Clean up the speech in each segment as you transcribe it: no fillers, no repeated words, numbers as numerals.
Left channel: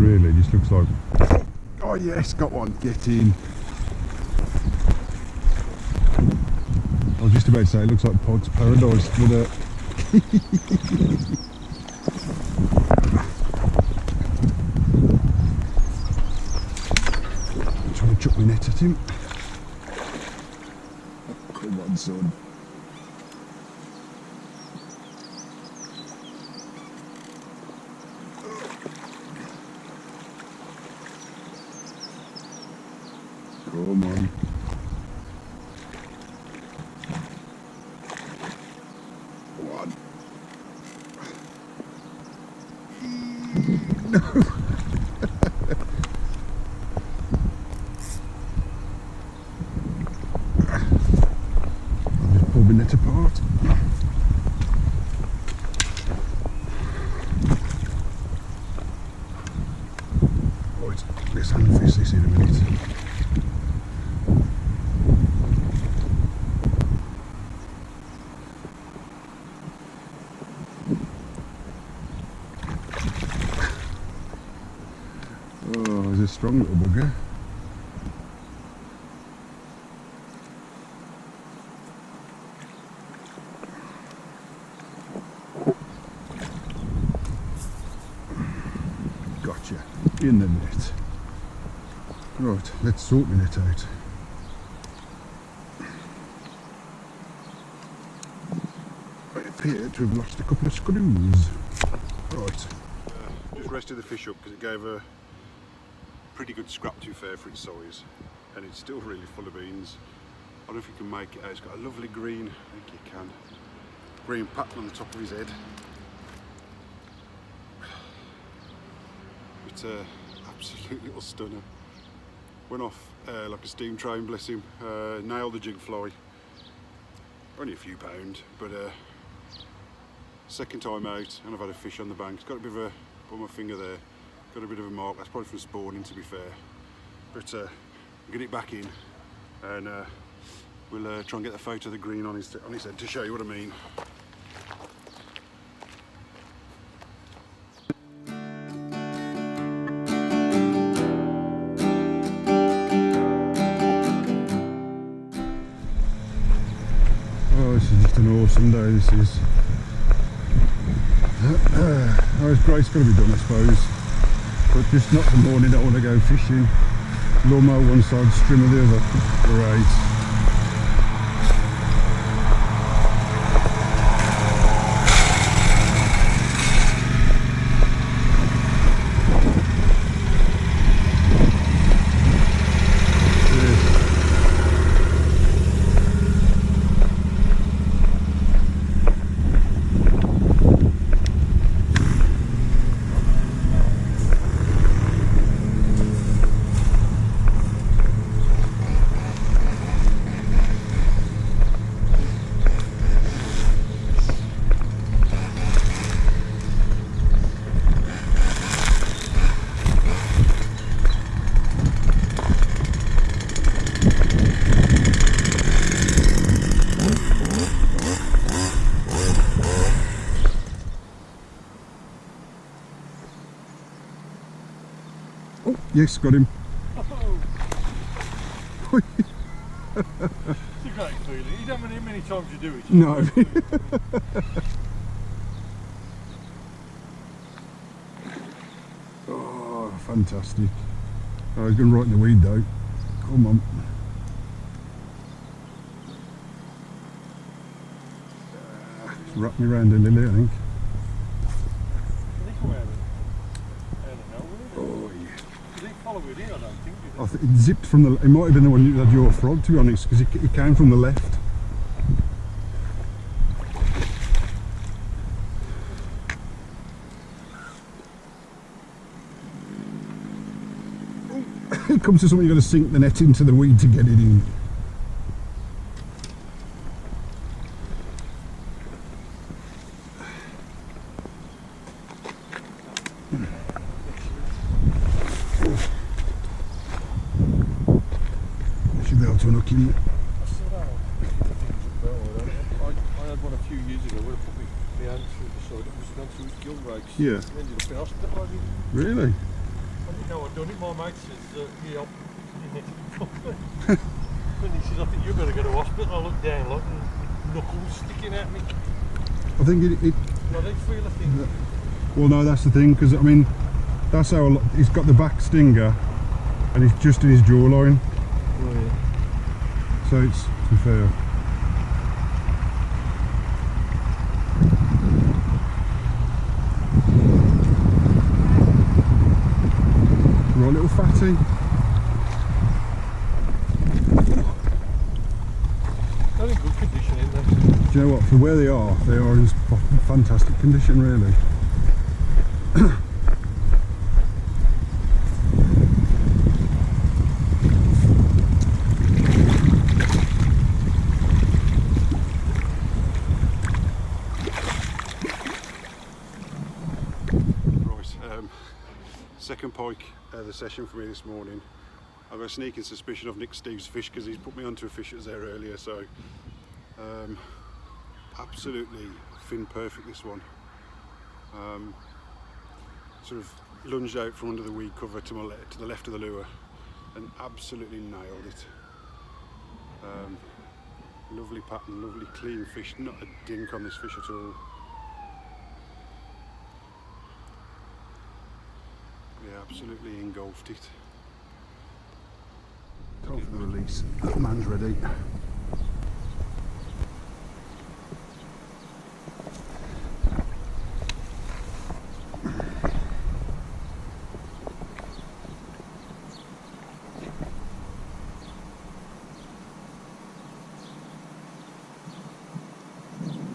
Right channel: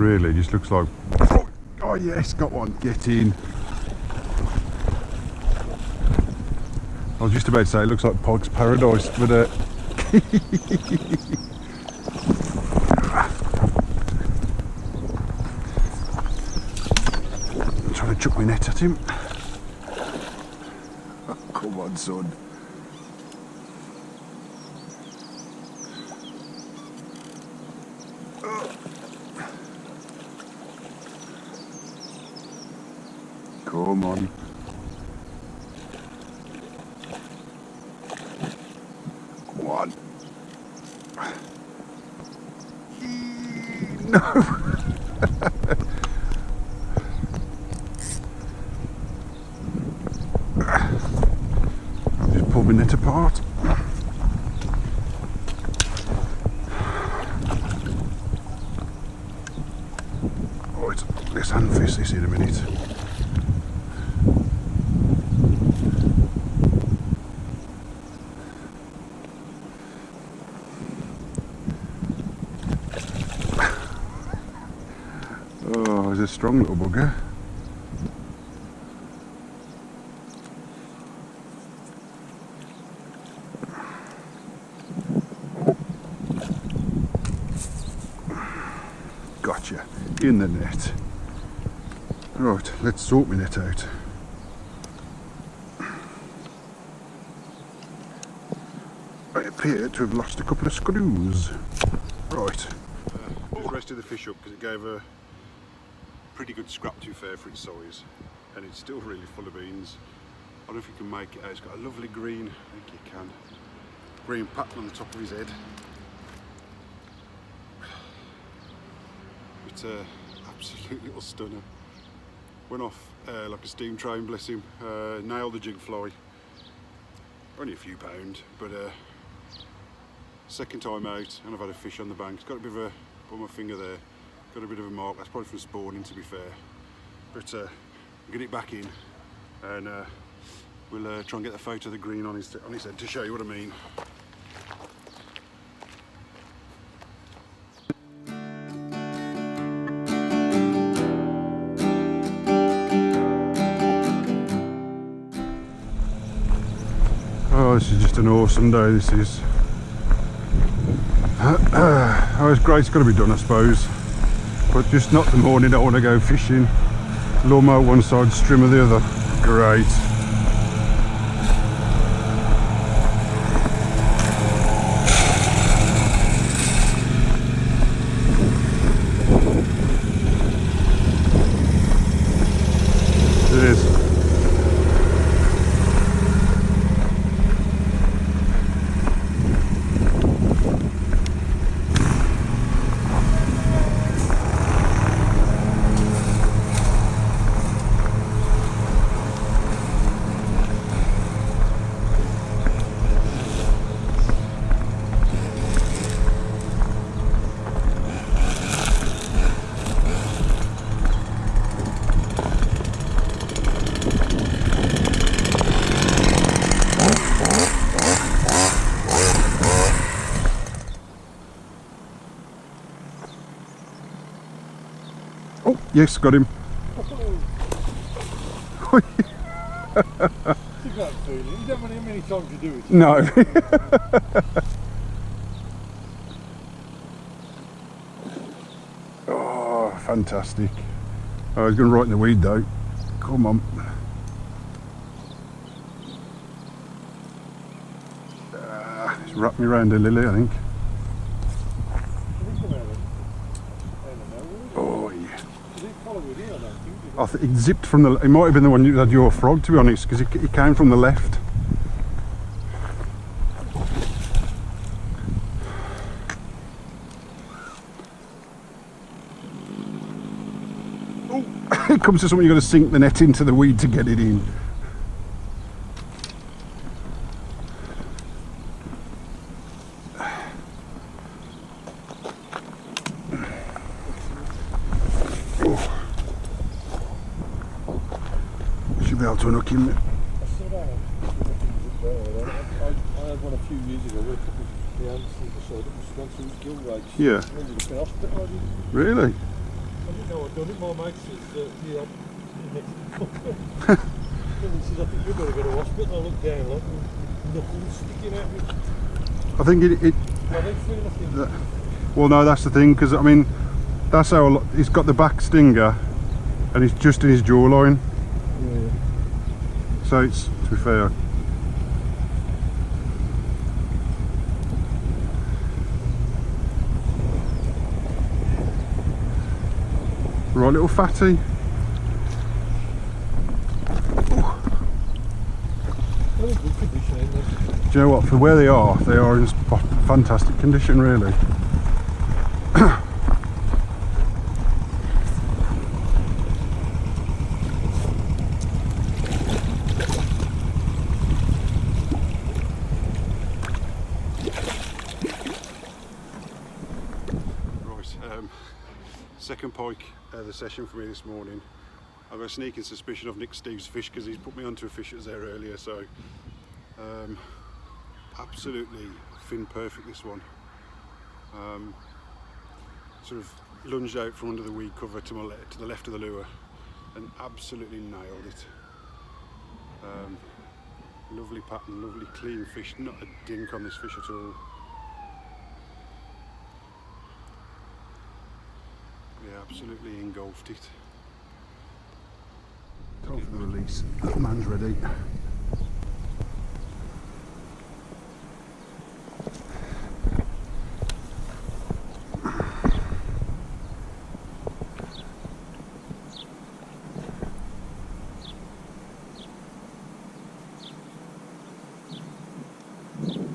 really, just looks like... Oh yes, got one, get in. I was just about to say it looks like Pike's Paradise, but I'm trying to chuck my net at him. Oh, come on, son. Come on. One. No. I've just pulled my net apart. Oh, let's handfish this in a minute. Oh, he's a strong little bugger. Gotcha, in the net. Right, let's sort my net out. I appear to have lost a couple of screws. Right. Just rested the fish up because it gave a pretty good scrap, to be fair, for its size, and it's still really full of beans. I don't know if you can make it out. It's got a lovely green, I think you can, green pattern on the top of his head. It's a absolute little stunner. Went off like a steam train, bless him. Nailed the jig fly. Only a few pound, but second time out, and I've had a fish on the bank. It's got a bit of a, put my finger there, got a bit of a mark. That's probably from spawning, to be fair. But we'll get it back in, and we'll try and get the photo of the green on his head to show you what I mean. Oh, this is just an awesome day, this is. Oh, it's great, it's got to be done, I suppose. But just not the morning I want to go fishing. Lawnmower one side, strimmer the other. Great. Cheers. Oh, yes, got him. Oh. It's a great feeling. You don't know how many times you do it. No. Oh, fantastic. Oh, he's going right in the weed though. Come on. He's wrapped me round a lily, I think. Did he come out of nowhere? Oh, yeah. Did he follow it in? I don't think. I think he zipped from the... He might have been the one who had your frog, to be honest, because he came from the left. Oh, it comes to something you've got to sink the net into the weed to get it in. Oh. Should be able to unhook him. I said I had one a few years ago where I put my hands through the side. It must have gone through his gill rakes. Yeah. It ended up in hospital. Really? didn't know I'd done it. My mate says, yeah, and he says, I think you better go to hospital. I look down like knuckles sticking out me. I think it I don't feel a thing. well, no, that's the thing, because I mean, that's how he's got the back stinger, and it's just in his jawline. Oh, yeah. So it's, to be fair, right little fatty. Ooh. They're in good condition, ain't they? Do you know what? For where they are in fantastic condition, really. Second pike the session for me this morning. I've got a sneaking suspicion of Nick Steve's fish because he's put me onto a fish that was there earlier, so absolutely fin perfect this one. Sort of lunged out from under the weed cover to the left of the lure and absolutely nailed it. Lovely pattern, lovely clean fish, not a dink on this fish at all. Yeah, absolutely engulfed it. Time for the release. That man's ready.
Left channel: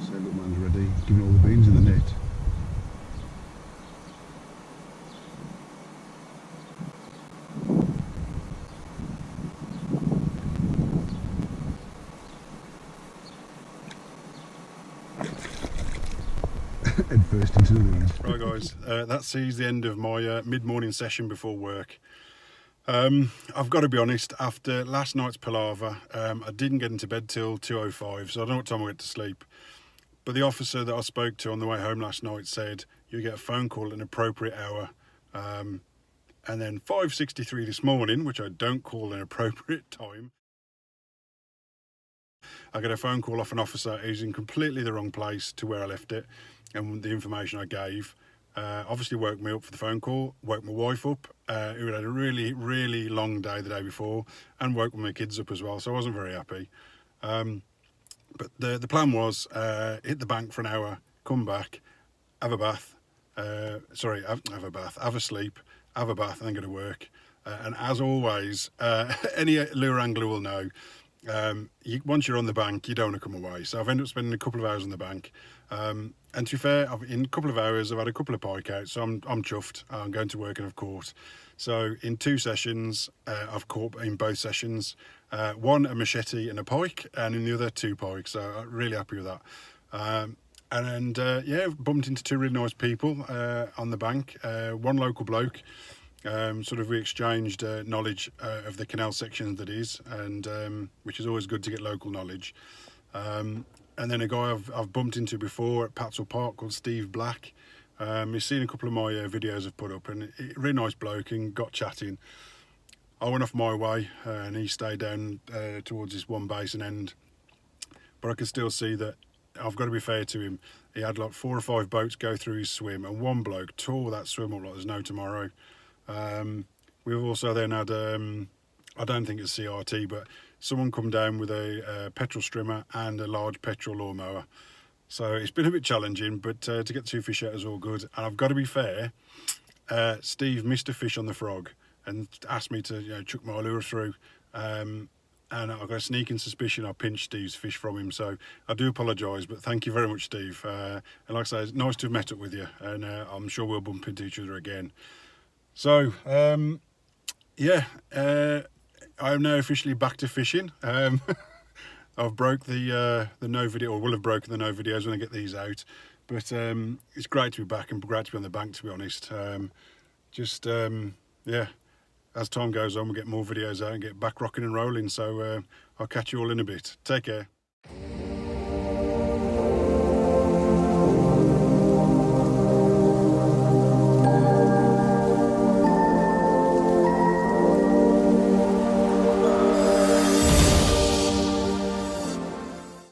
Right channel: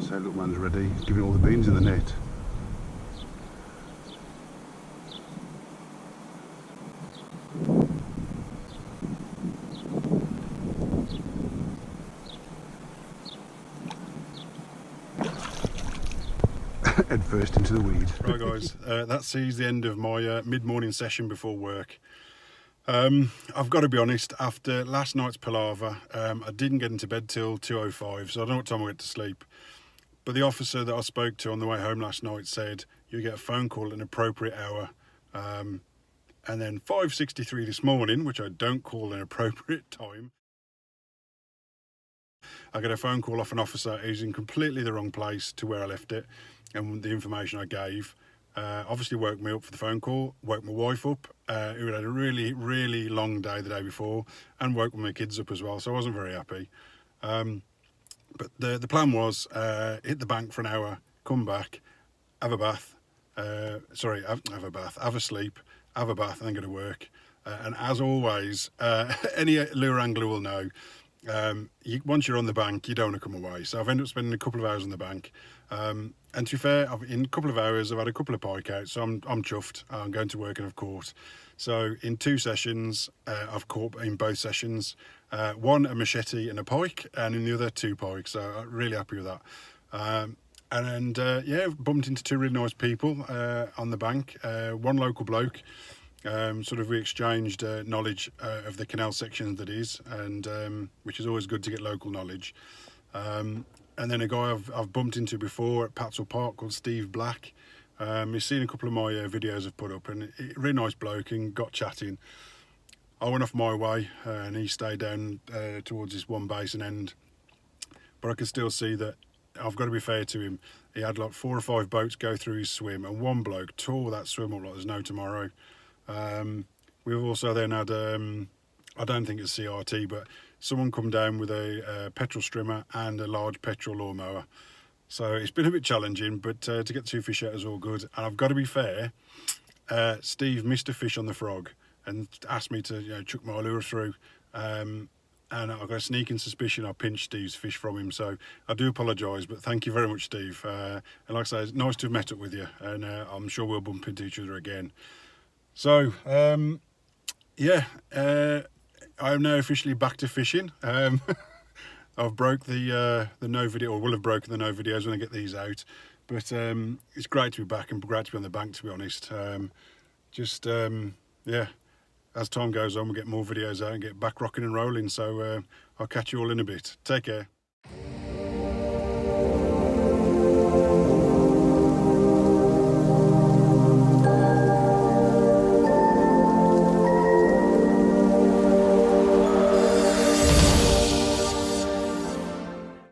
So little man's ready. He's giving all the beans in the net. Head first into the weeds. Right guys, that sees the end of my mid-morning session before work. I've got to be honest, after last night's palaver, I didn't get into bed till 2:05, so I don't know what time I went to sleep. But the officer that I spoke to on the way home last night said you get a phone call at an appropriate hour. And then 5:63 this morning, which I don't call an appropriate time, I get a phone call off an officer who's in completely the wrong place to where I left it and the information I gave. Obviously woke me up for the phone call, woke my wife up, who had a really, really long day the day before, and woke my kids up as well, so I wasn't very happy. But the plan was hit the bank for an hour, come back, have a bath, have a sleep, have a bath, and then go to work. And as always, any lure angler will know, once you're on the bank, you don't want to come away. So I've ended up spending a couple of hours on the bank. And to be fair, in a couple of hours, I've had a couple of pike out, so I'm chuffed. I'm going to work and I've caught. So in 2 sessions, I've caught in both sessions. One a machete and a pike, and in the other 2 pikes. So I'm really happy with that. And yeah, bumped into 2 really nice people on the bank. One local bloke. Sort of we exchanged knowledge of the canal section that is, and which is always good to get local knowledge. And then a guy I've bumped into before at Patzel Park called Steve Black. He's seen a couple of my videos I've put up, and really nice bloke, and got chatting. I went off my way and he stayed down towards this one basin end, but I could still see that I've got to be fair to him. He had like 4 or 5 boats go through his swim, and one bloke tore that swim up like there's no tomorrow. We've also then had, I don't think it's CRT, but someone come down with a petrol strimmer and a large petrol lawnmower. So it's been a bit challenging, but to get 2 fish out is all good. And I've got to be fair, Steve missed a fish on the frog and asked me to chuck my lure through. And I've got a sneaking suspicion I pinched Steve's fish from him. So I do apologise, but thank you very much, Steve. And like I say, it's nice to have met up with you, and I'm sure we'll bump into each other again. So, yeah, I'm now officially back to fishing. I've broke the no video, or will have broken the no videos when I get these out. But it's great to be back and great to be on the bank, to be honest. Yeah, as time goes on, we'll get more videos out and get back rocking and rolling. So I'll catch you all in a bit. Take care.